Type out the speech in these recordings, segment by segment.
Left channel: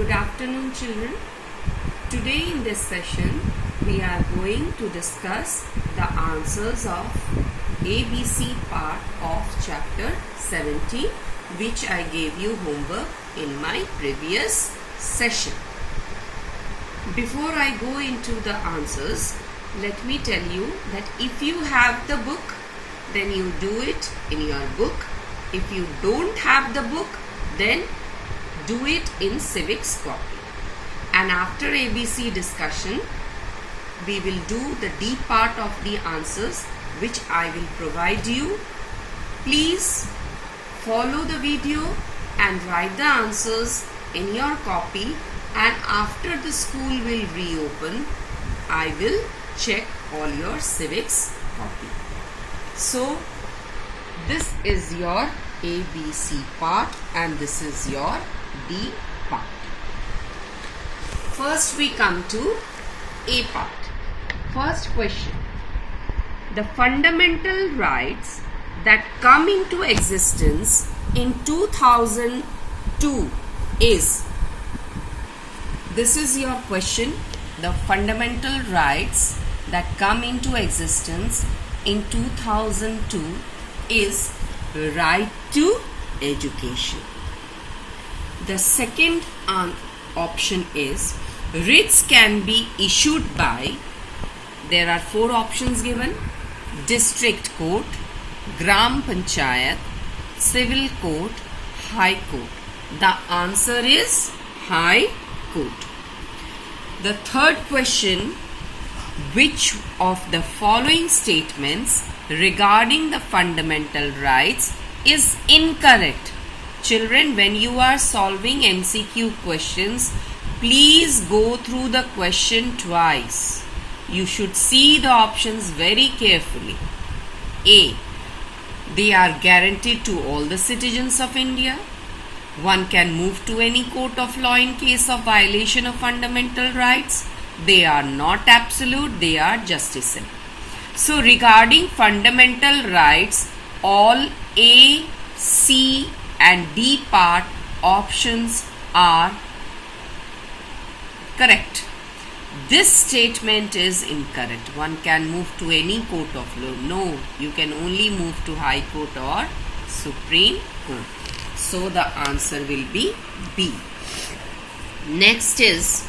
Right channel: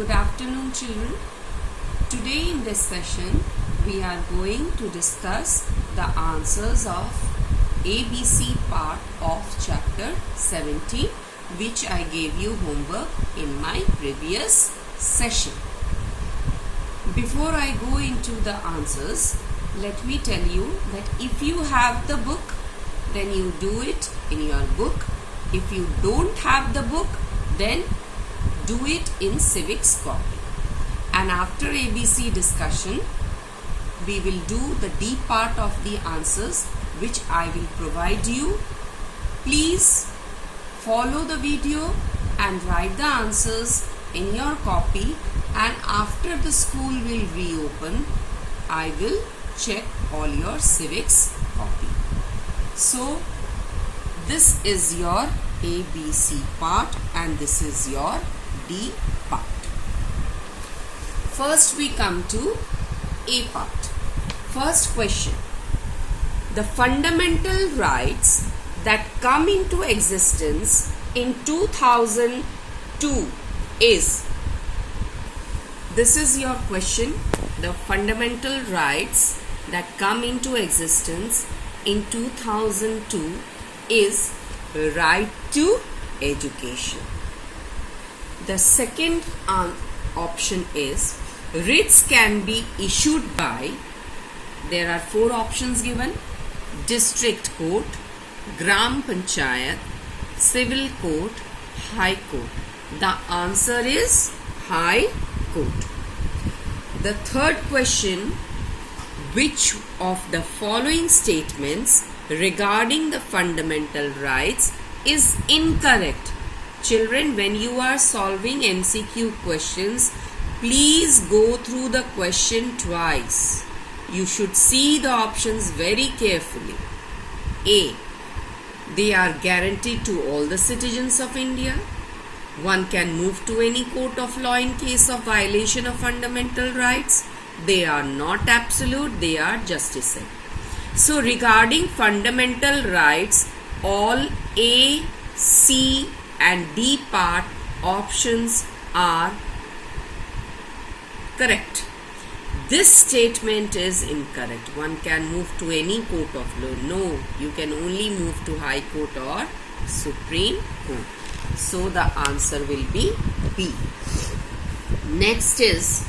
Good afternoon, children. Today in this session, we are going to discuss the answers of ABC part of chapter 17, which I gave you homework in my previous session. Before I go into the answers, let me tell you that if you have the book, then you do it in your book. If you don't have the book, then do it in civics copy. And after ABC discussion, we will do the D part of the answers which I will provide you. Please follow the video and write the answers in your copy, and after the school will reopen, I will check all your civics copy. So this is your ABC part and this is your D part. First we come to A part. First question. The fundamental rights that come into existence in 2002 is. This is your question. The fundamental rights that come into existence in 2002 is right to education. The second option is writs can be issued by, there are four options given: district court, gram panchayat, civil court, high court. The answer is high court. The third question, which of the following statements regarding the fundamental rights is incorrect? Children, when you are solving MCQ questions, please go through the question twice. You should see the options very carefully. A. They are guaranteed to all the citizens of India. One can move to any court of law in case of violation of fundamental rights. They are not absolute, they are justiciable. So regarding fundamental rights, all A, C and D part options are correct. This statement is incorrect. One can move to any court of law. No, you can only move to High Court or Supreme Court. So the answer will be B. Next is,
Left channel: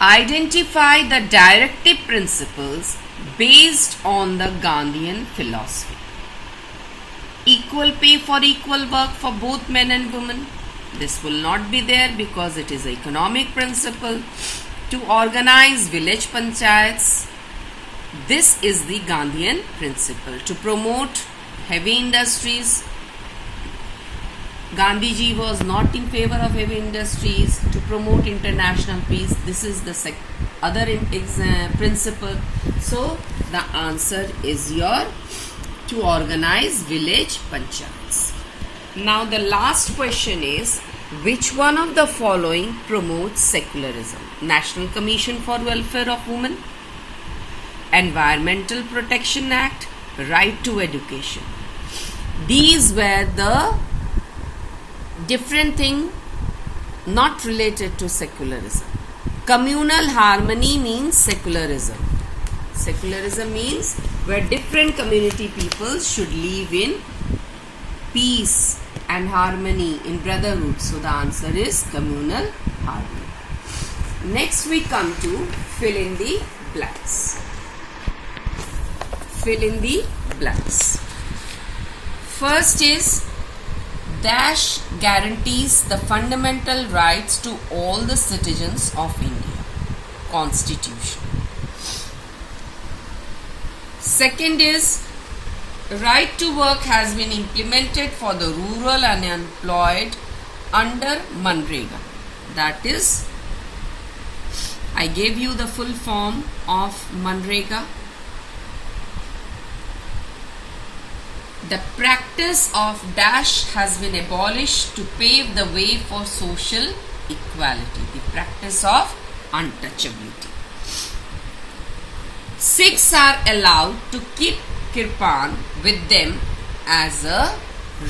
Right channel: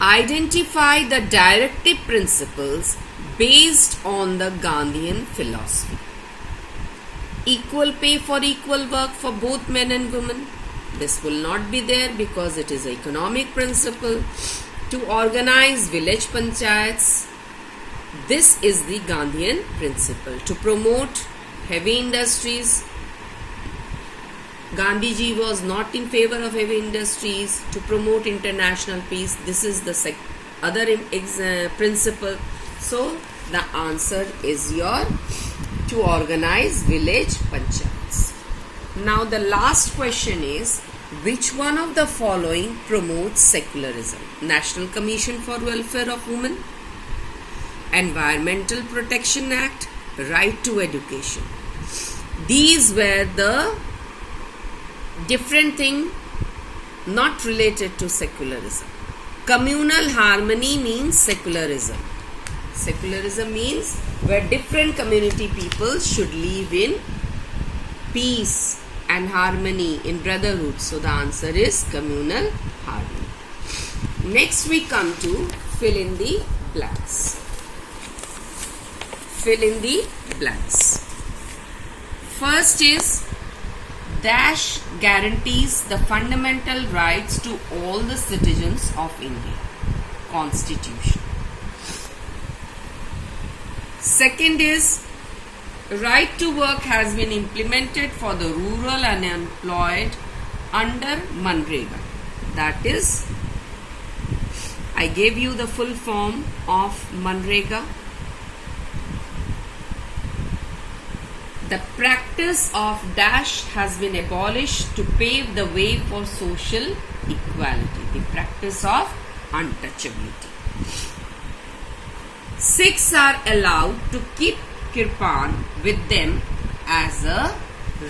identify the directive principles based on the Gandhian philosophy. Equal pay for equal work for both men and women. This will not be there because it is an economic principle. To organize village panchayats. This is the Gandhian principle. To promote heavy industries. Gandhiji was not in favor of heavy industries. To promote international peace. This is the other principle. So the answer is your to organize village panchayats. Now the last question is, which one of the following promotes secularism? National Commission for Welfare of Women, Environmental Protection Act, Right to Education. These were the different thing not related to secularism. Communal harmony means secularism. Secularism means where different community peoples should live in peace and harmony, in brotherhood. So the answer is communal harmony. Next we come to fill in the blanks. Fill in the blanks. First is, dash guarantees the fundamental rights to all the citizens of India. Constitution. Second is, right to work has been implemented for the rural unemployed under Manrega. That is, I gave you the full form of Manrega. The practice of dash has been abolished to pave the way for social equality. The practice of untouchability. Sikhs are allowed to keep kirpan with them as a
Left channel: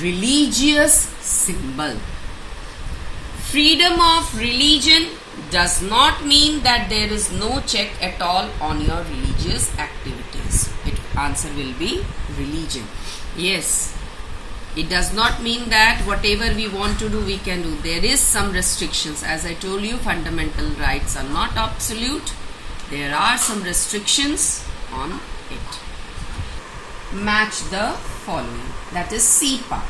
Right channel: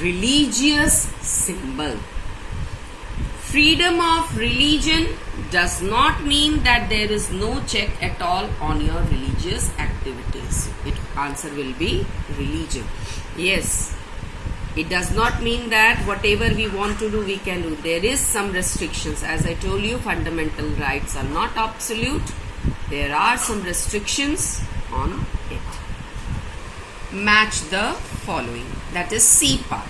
religious symbol. Freedom of religion does not mean that there is no check at all on your religious activities. Answer will be religion. Yes, it does not mean that whatever we want to do we can do. There is some restrictions. As I told you, fundamental rights are not absolute. There are some restrictions on it. Match the following. That is C part.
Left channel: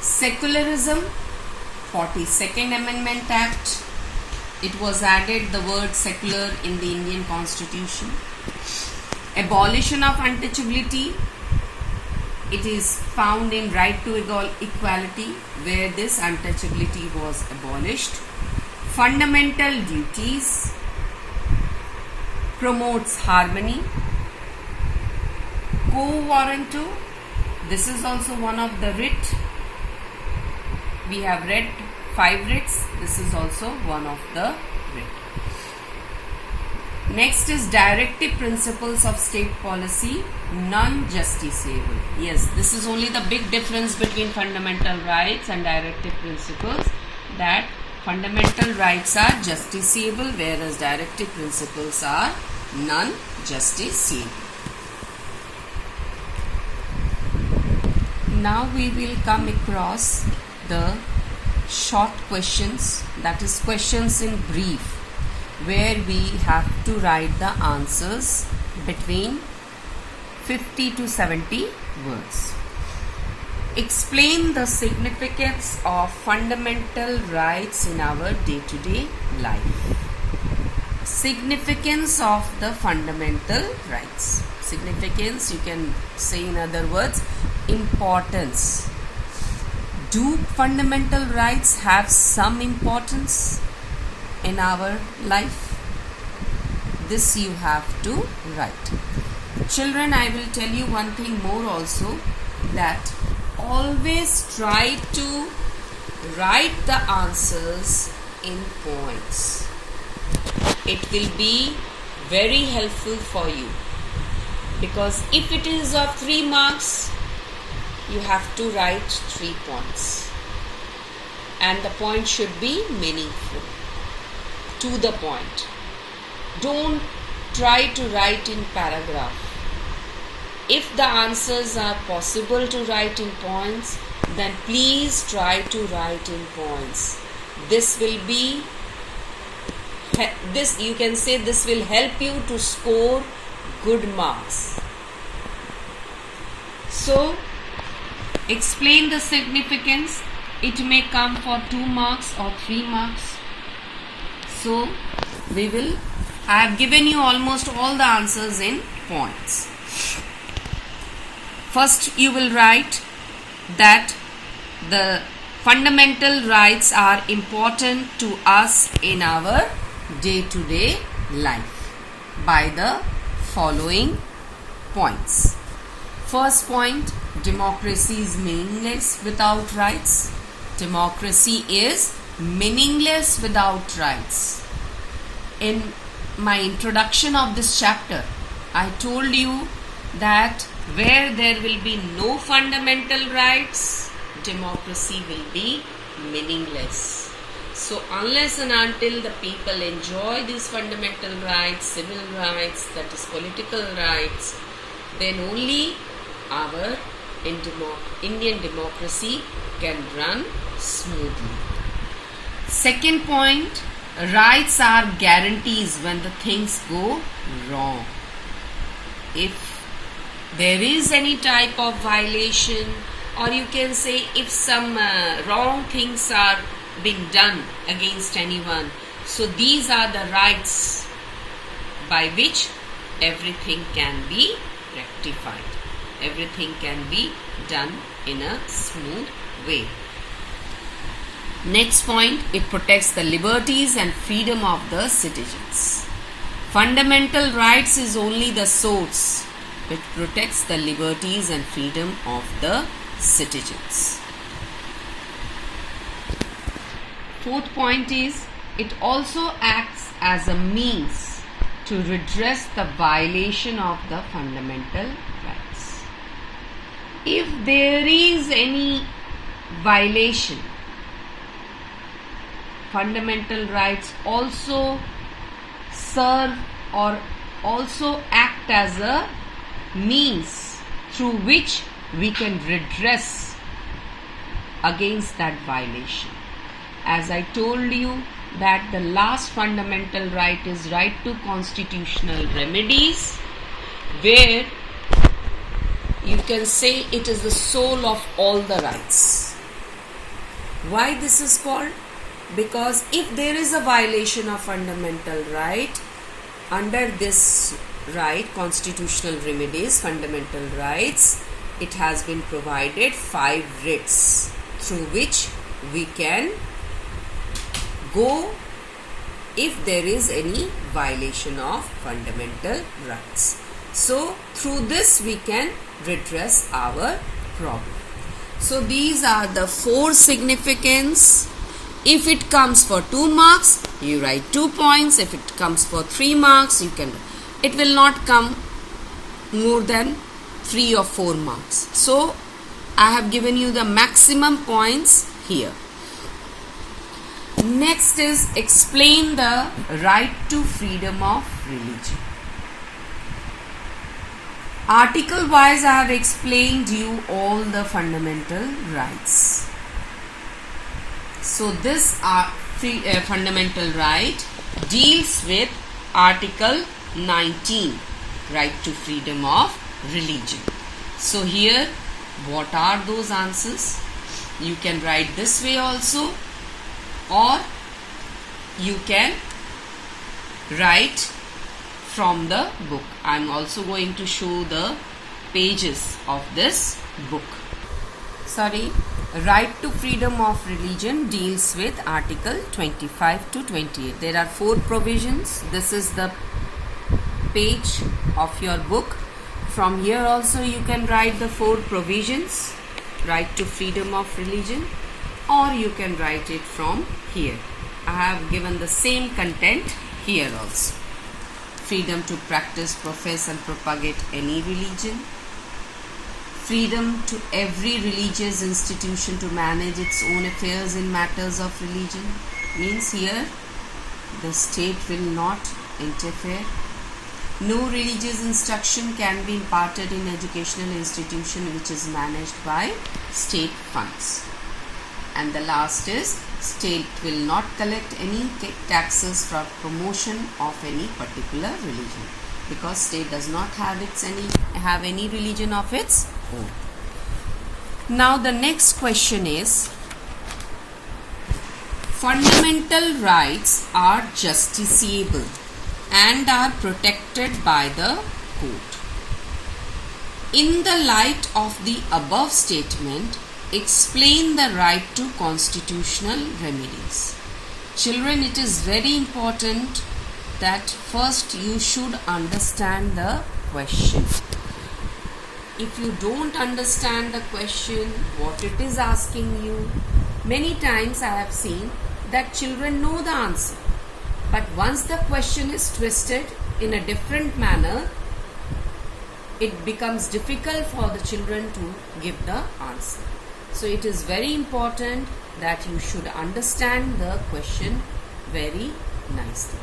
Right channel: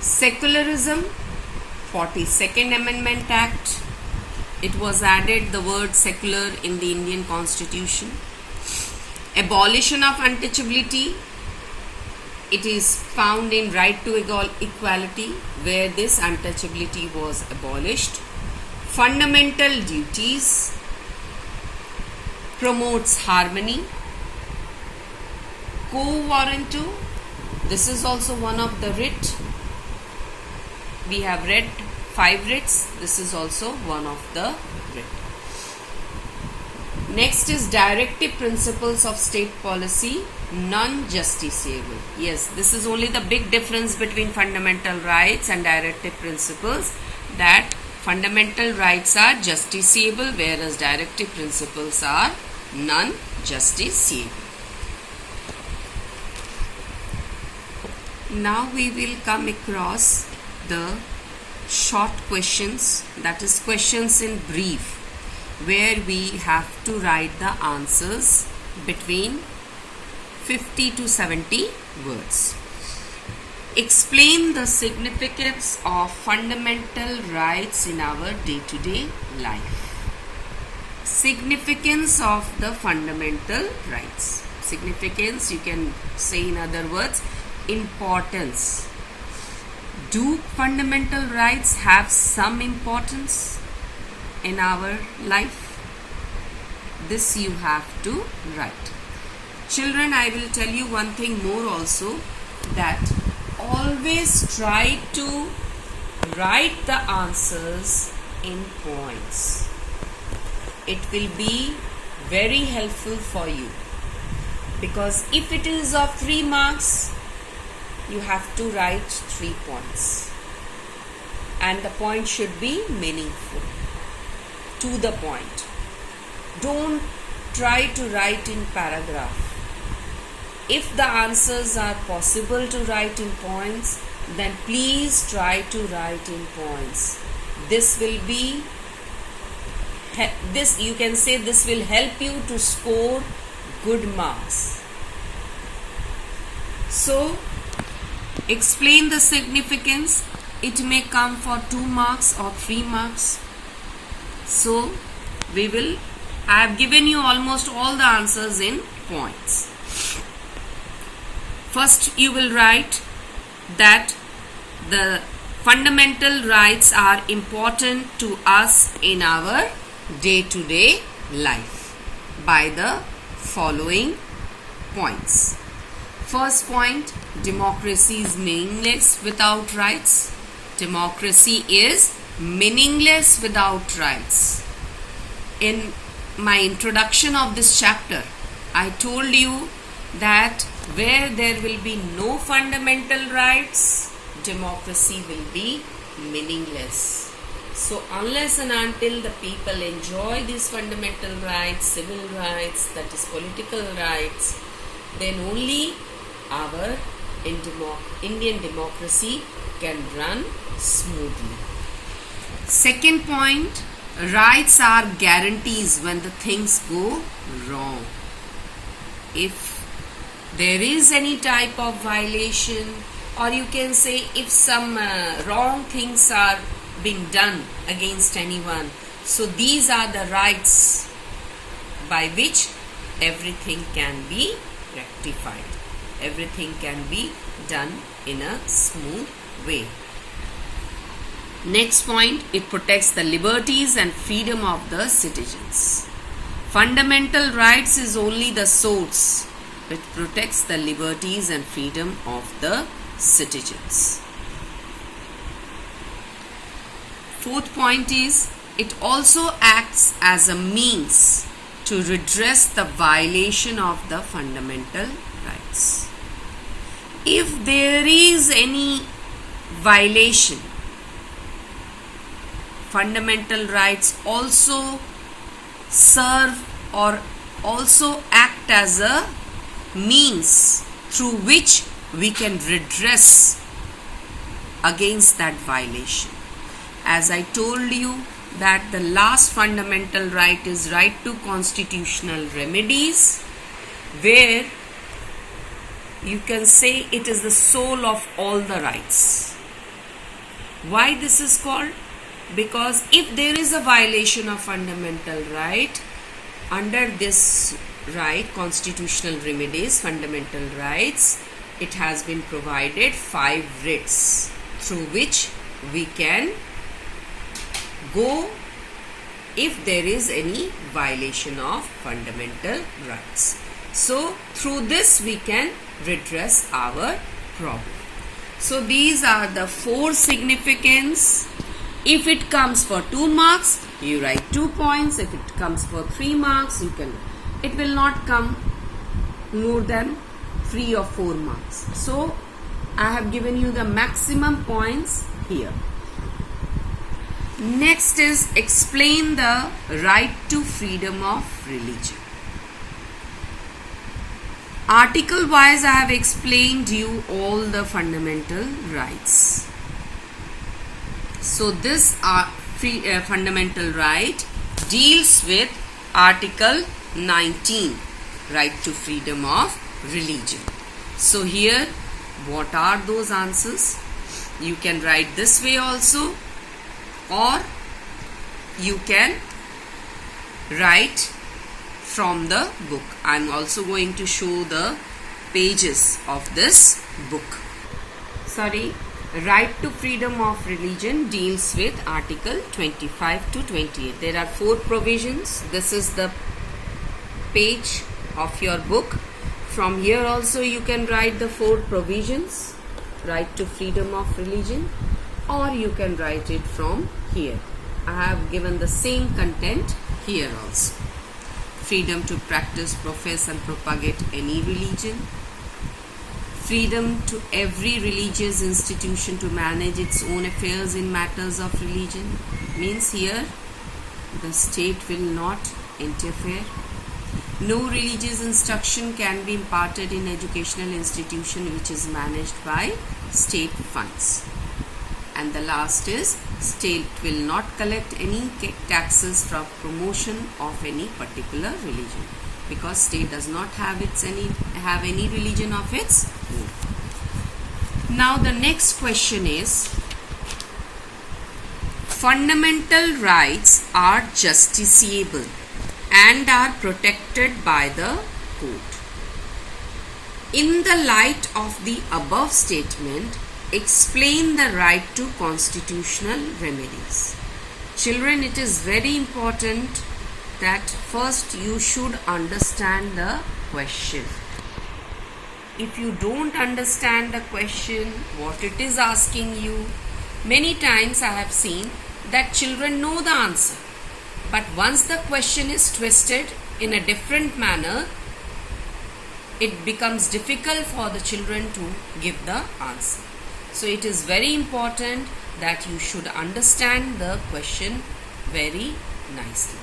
Secularism, 42nd Amendment Act. It was added the word secular in the Indian Constitution. Abolition of untouchability. It is found in right to equality, where this untouchability was abolished. Fundamental duties. Promotes harmony. Quo warranto. This is also one of the writ. We have read 5 writs. This is also one of the writ. Next is directive principles of state policy, non-justiciable. Yes, this is only the big difference between fundamental rights and directive principles, that fundamental rights are justiciable whereas directive principles are non-justiciable. Now we will come across the short questions, that is questions in brief, where we have to write the answers between 50 to 70 words. Explain the significance of fundamental rights in our day-to-day life. Significance of the fundamental rights. Significance, you can say in other words, importance. Do fundamental rights have some importance in our life? This you have to write. Children, I will tell you one thing more also, that always try to write the answers in points. It will be very helpful for you, because if it is of 3 marks, you have to write 3 points, and the point should be meaningful, to the point. Don't try to write in paragraph. If the answers are possible to write in points, then please try to write in points. This will be, you can say this will help you to score good marks. So, explain the significance. It may come for 2 marks or 3 marks. So, I have given you almost all the answers in points. First, you will write that the fundamental rights are important to us in our day-to-day life by the following points. First point, democracy is meaningless without rights. Democracy is meaningless without rights. In my introduction of this chapter, I told you that where there will be no fundamental rights, democracy will be meaningless. So unless and until the people enjoy these fundamental rights, civil rights, that is political rights, then only our Indian democracy can run smoothly. Second point, rights are guarantees when the things go wrong. If there is any type of violation, or you can say if some wrong things are being done against anyone, so these are the rights by which everything can be rectified. Everything can be done in a smooth way. Next point, it protects the liberties and freedom of the citizens. Fundamental rights is only the source which protects the liberties and freedom of the citizens. Fourth point is, it also acts as a means to redress the violation of the fundamental rights. If there is any violation fundamental rights also serve or also act as a means through which we can redress against that violation. As I told you that the last fundamental right is right to constitutional remedies, where you can say it is the soul of all the rights. Why this is called? Because if there is a violation of fundamental right, under this right, constitutional remedies, fundamental rights, it has been provided 5 writs through which we can go if there is any violation of fundamental rights. So through this we can redress our problem. So these are the 4 significance. If it comes for 2 marks, you write 2 points. If it comes for 3 marks, it will not come more than 3 or 4 marks. So I have given you the maximum points here. Next is explain the right to freedom of religion. Article wise I have explained you all the fundamental rights. So this fundamental right deals with Article 19, right to freedom of religion. So here, what are those answers? You can write this way also, or you can write from the book. I am also going to show the pages of this book. Right to freedom of religion deals with Article 25 to 28. There are 4 provisions. This is the page of your book. From here also you can write the 4 provisions, right to freedom of religion, or you can write it from here. I have given the same content here also. Freedom to practice, profess and propagate any religion. Freedom to every religious institution to manage its own affairs in matters of religion. Means here the state will not interfere. No religious instruction can be imparted in educational institution which is managed by state funds. And the last is, state will not collect any taxes for promotion of any particular religion, because state does not have any religion of its own. Now the next question is, fundamental rights are justiciable and are protected by the court. In the light of the above statement, explain the right to constitutional remedies. Children, it is very important that first you should understand the question. If you don't understand the question, what it is asking you, many times I have seen that children know the answer, but once the question is twisted in a different manner, it becomes difficult for the children to give the answer. So it is very important that you should understand the question very nicely.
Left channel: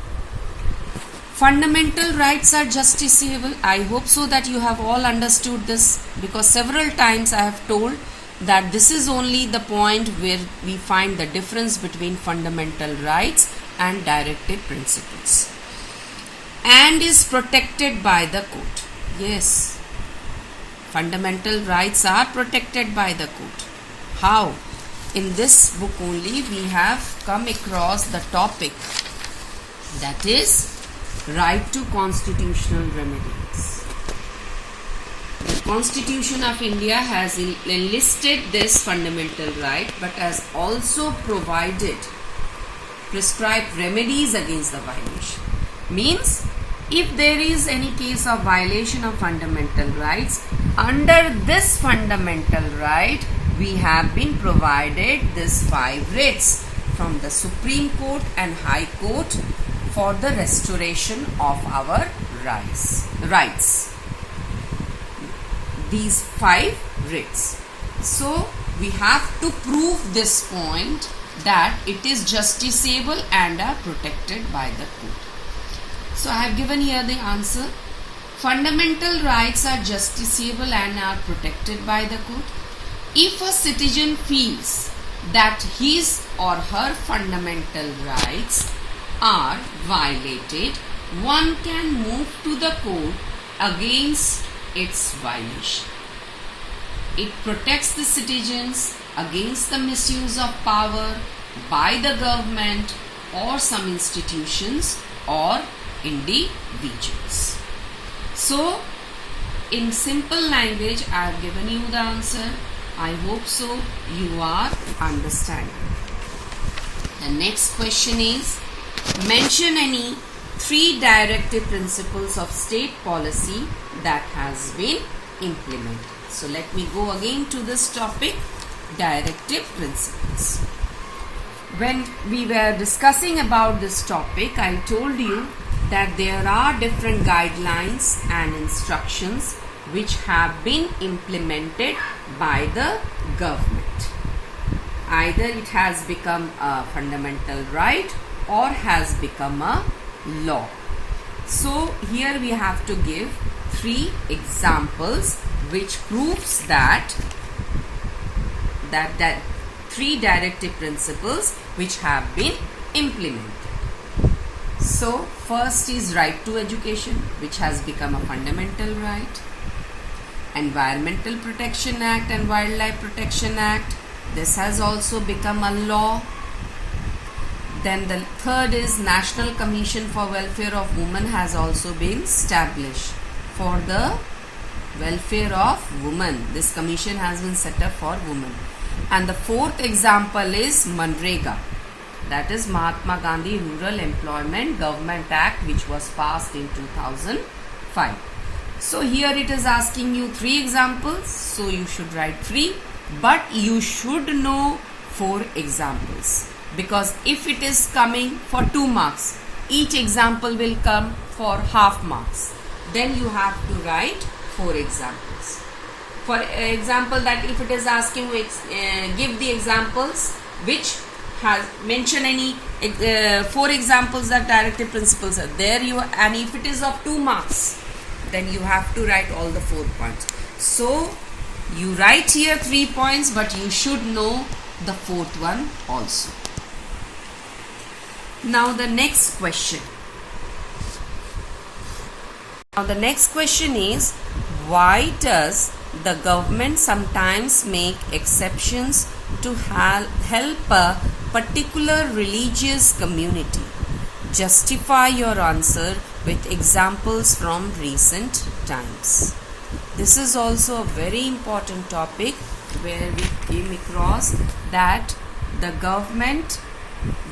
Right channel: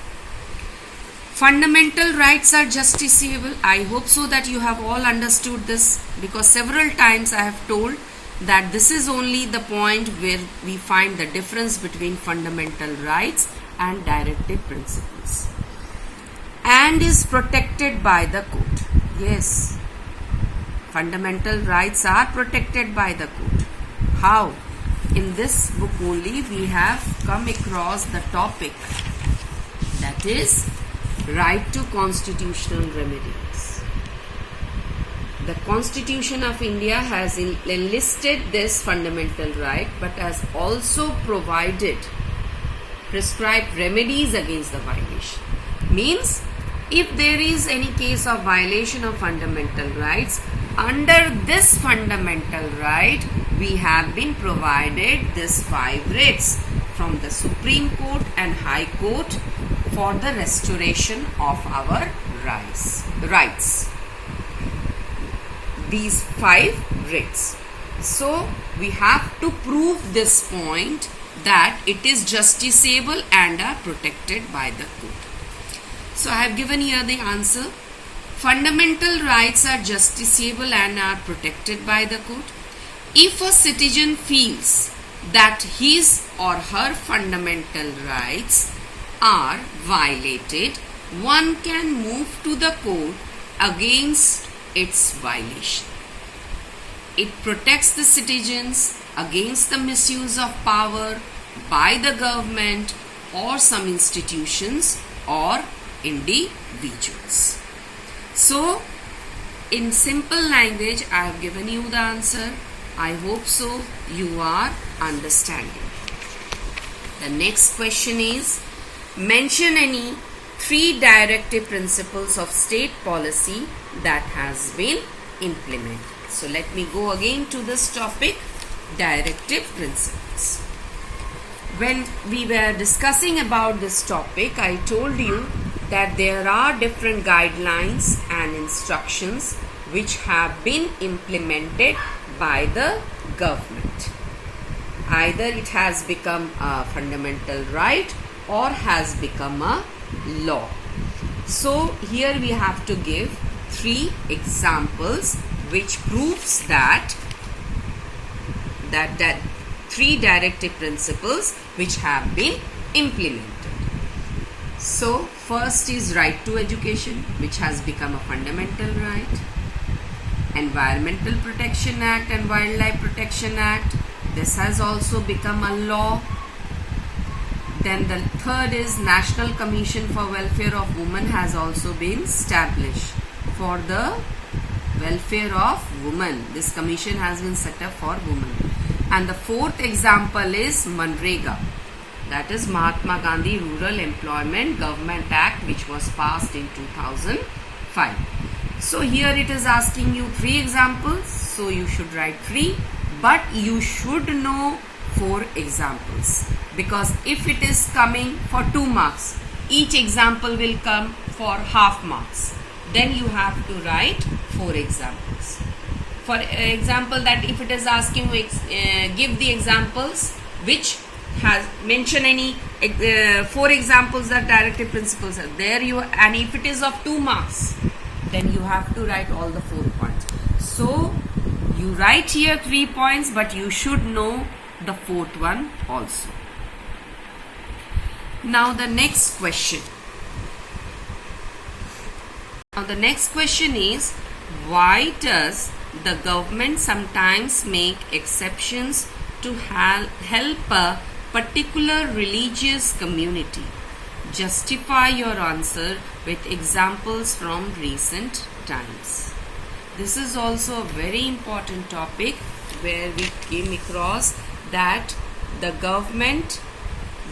Fundamental rights are justiciable. I hope so that you have all understood this, because several times I have told that this is only the point where we find the difference between fundamental rights and directive principles. And is protected by the court. Yes, fundamental rights are protected by the court. How? In this book only we have come across the topic, that is right to constitutional remedies. The Constitution of India has enlisted this fundamental right, but has also prescribed remedies against the violation. Means, if there is any case of violation of fundamental rights, under this fundamental right, we have been provided these 5 writs from the Supreme Court and High Court for the restoration of our rights. These 5 writs. So we have to prove this point that it is justiciable and are protected by the code. So I have given here the answer. Fundamental rights are justiciable and are protected by the code. If a citizen feels that his or her fundamental rights are violated, one can move to the court against its violation. It protects the citizens against the misuse of power by the government or some institutions or individuals. So, in simple language, I have given you the answer. I hope so you are understanding. The next question is, mention any 3 directive principles of state policy that has been implemented. So let me go again to this topic, directive principles. When we were discussing about this topic, I told you that there are different guidelines and instructions which have been implemented by the government. Either it has become a fundamental right or has become a law. So here we have to give 3 examples which proves that 3 directive principles which have been implemented. So first is right to education, which has become a fundamental right. Environmental Protection Act and Wildlife Protection Act, this has also become a law. Then the third is National Commission for Welfare of Women has also been established for the welfare of women. This commission has been set up for women. And the fourth example is Manrega, that is Mahatma Gandhi Rural Employment Government Act, which was passed in 2005. So here it is asking you 3 examples, so you should write 3, but you should know 4 examples, because if it is coming for 2 marks, each example will come for half marks. Then you have to write 4 examples. For example, that if it is asking you give the examples which has mention any 4 examples that directive principles are there, and if it is of 2 marks, then you have to write all the 4 points. So you write here 3 points, but you should know the 4th one also. Now the next question. Now the next question is, why does the government sometimes make exceptions to help a particular religious community? Justify your answer with examples from recent times. This is also a very important topic where we came across that the government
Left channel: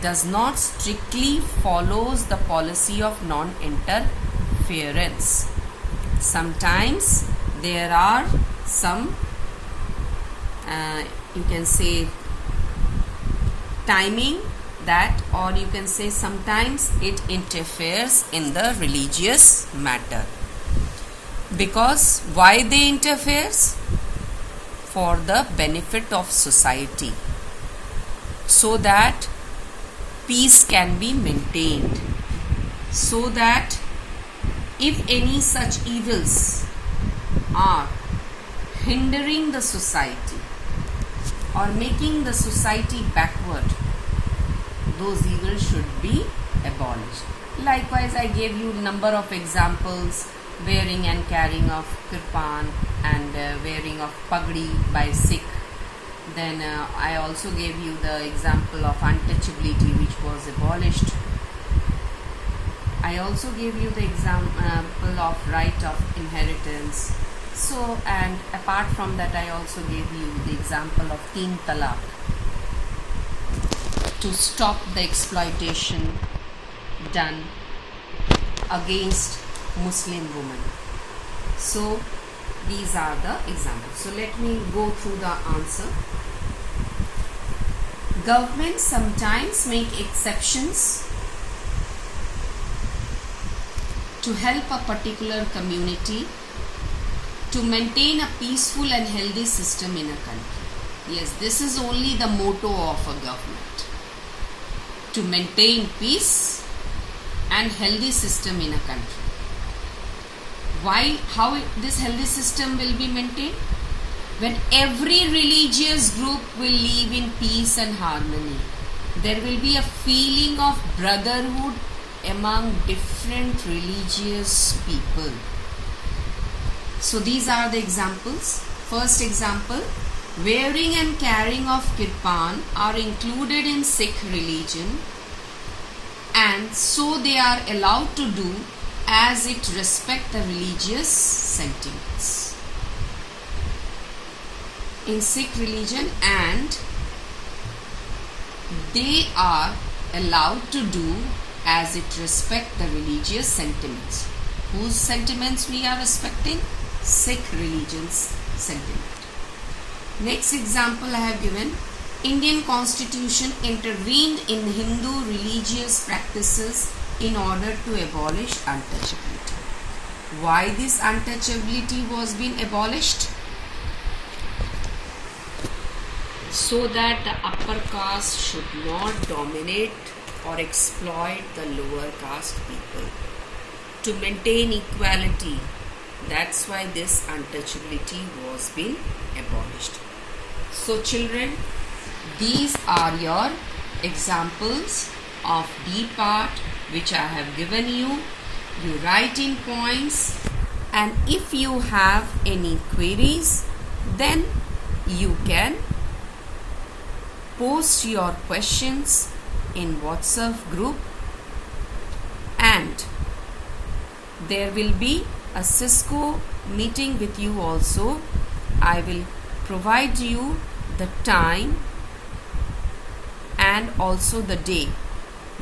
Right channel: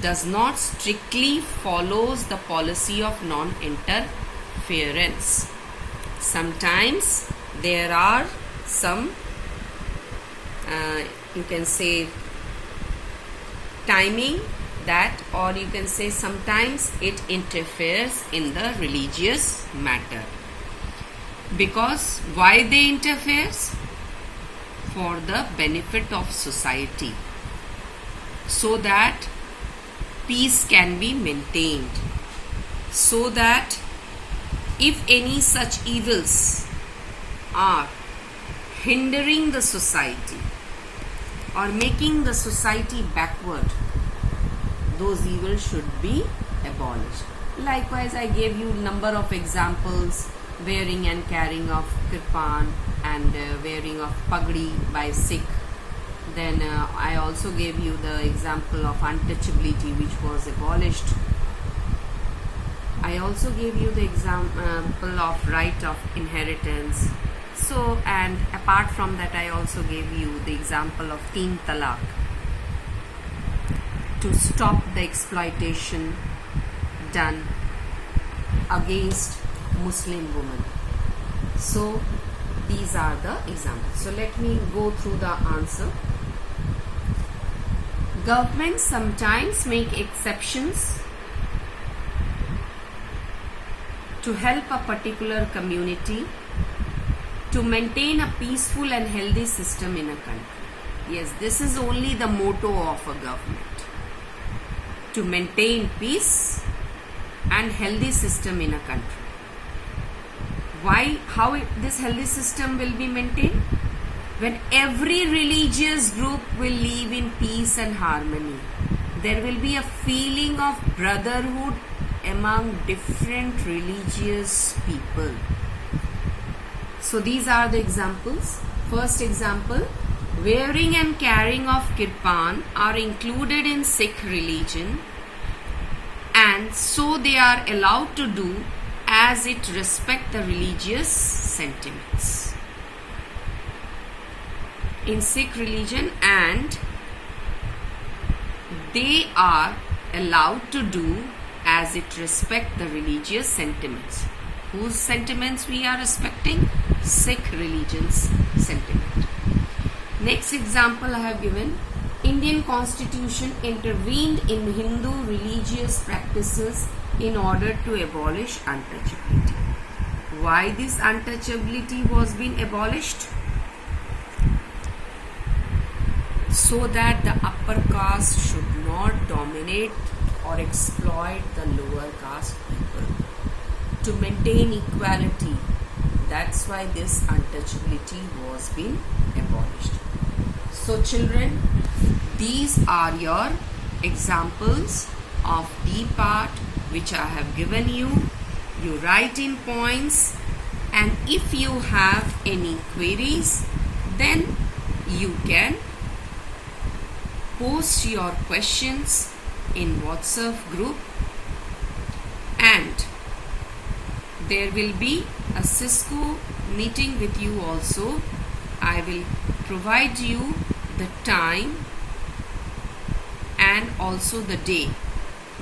does not strictly follows the policy of non-interference. Sometimes there are some you can say timing that, or you can say sometimes it interferes in the religious matter. Because why they interferes? For the benefit of society, so that peace can be maintained, so that if any such evils are hindering the society or making the society backward, those evils should be abolished. Likewise, I gave you number of examples: wearing and carrying of kirpan and wearing of pagdi by Sikh. Then I also gave you the example of untouchability, which was abolished. I also gave you the example of right of inheritance. So, and apart from that, I also gave you the example of Teen Talaq, to stop the exploitation done against Muslim women. So these are the examples. So let me go through the answer. Governments sometimes make exceptions to help a particular community to maintain a peaceful and healthy system in a country. Yes, this is only the motto of a government. to maintain peace and healthy system in a country. Why? How this healthy system will be maintained? When every religious group will live in peace and harmony, there will be a feeling of brotherhood among different religious people. So these are the examples. First example, wearing and carrying of kirpan are included in Sikh religion, and so they are allowed to do as it respects the religious sentiments in Sikh religion, and they are allowed to do as it respects the religious sentiments. Whose sentiments we are respecting? Sikh religion's sentiment. Next example I have given. Indian Constitution intervened in Hindu religious practices in order to abolish untouchability. Why this untouchability was being abolished? So that the upper caste should not dominate or exploit the lower caste people. To maintain equality, that's why this untouchability was being abolished. So children, these are your examples of D part which I have given you. You write in points, and if you have any queries, then you can post your questions in WhatsApp group, and there will be a Cisco meeting with you also. I will provide you the time and also the day,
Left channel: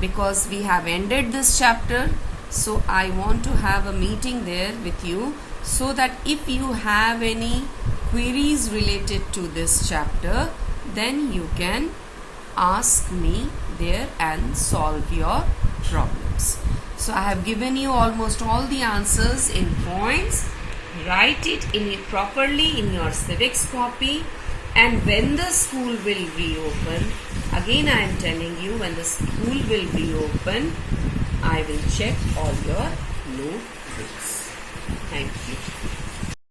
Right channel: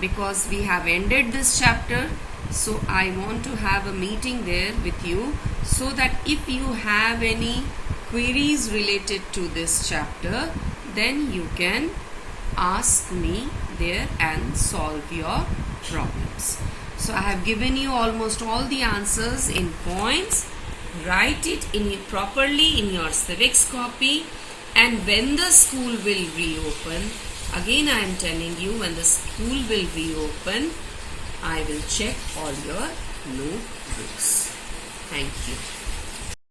because we have ended this chapter. So I want to have a meeting there with you, so that if you have any queries related to this chapter, then you can ask me there and solve your problems. So I have given you almost all the answers in points. Write it properly in your civics copy, and when the school will reopen, again I am telling you, when the school will reopen, I will check all your notebooks. Thank you.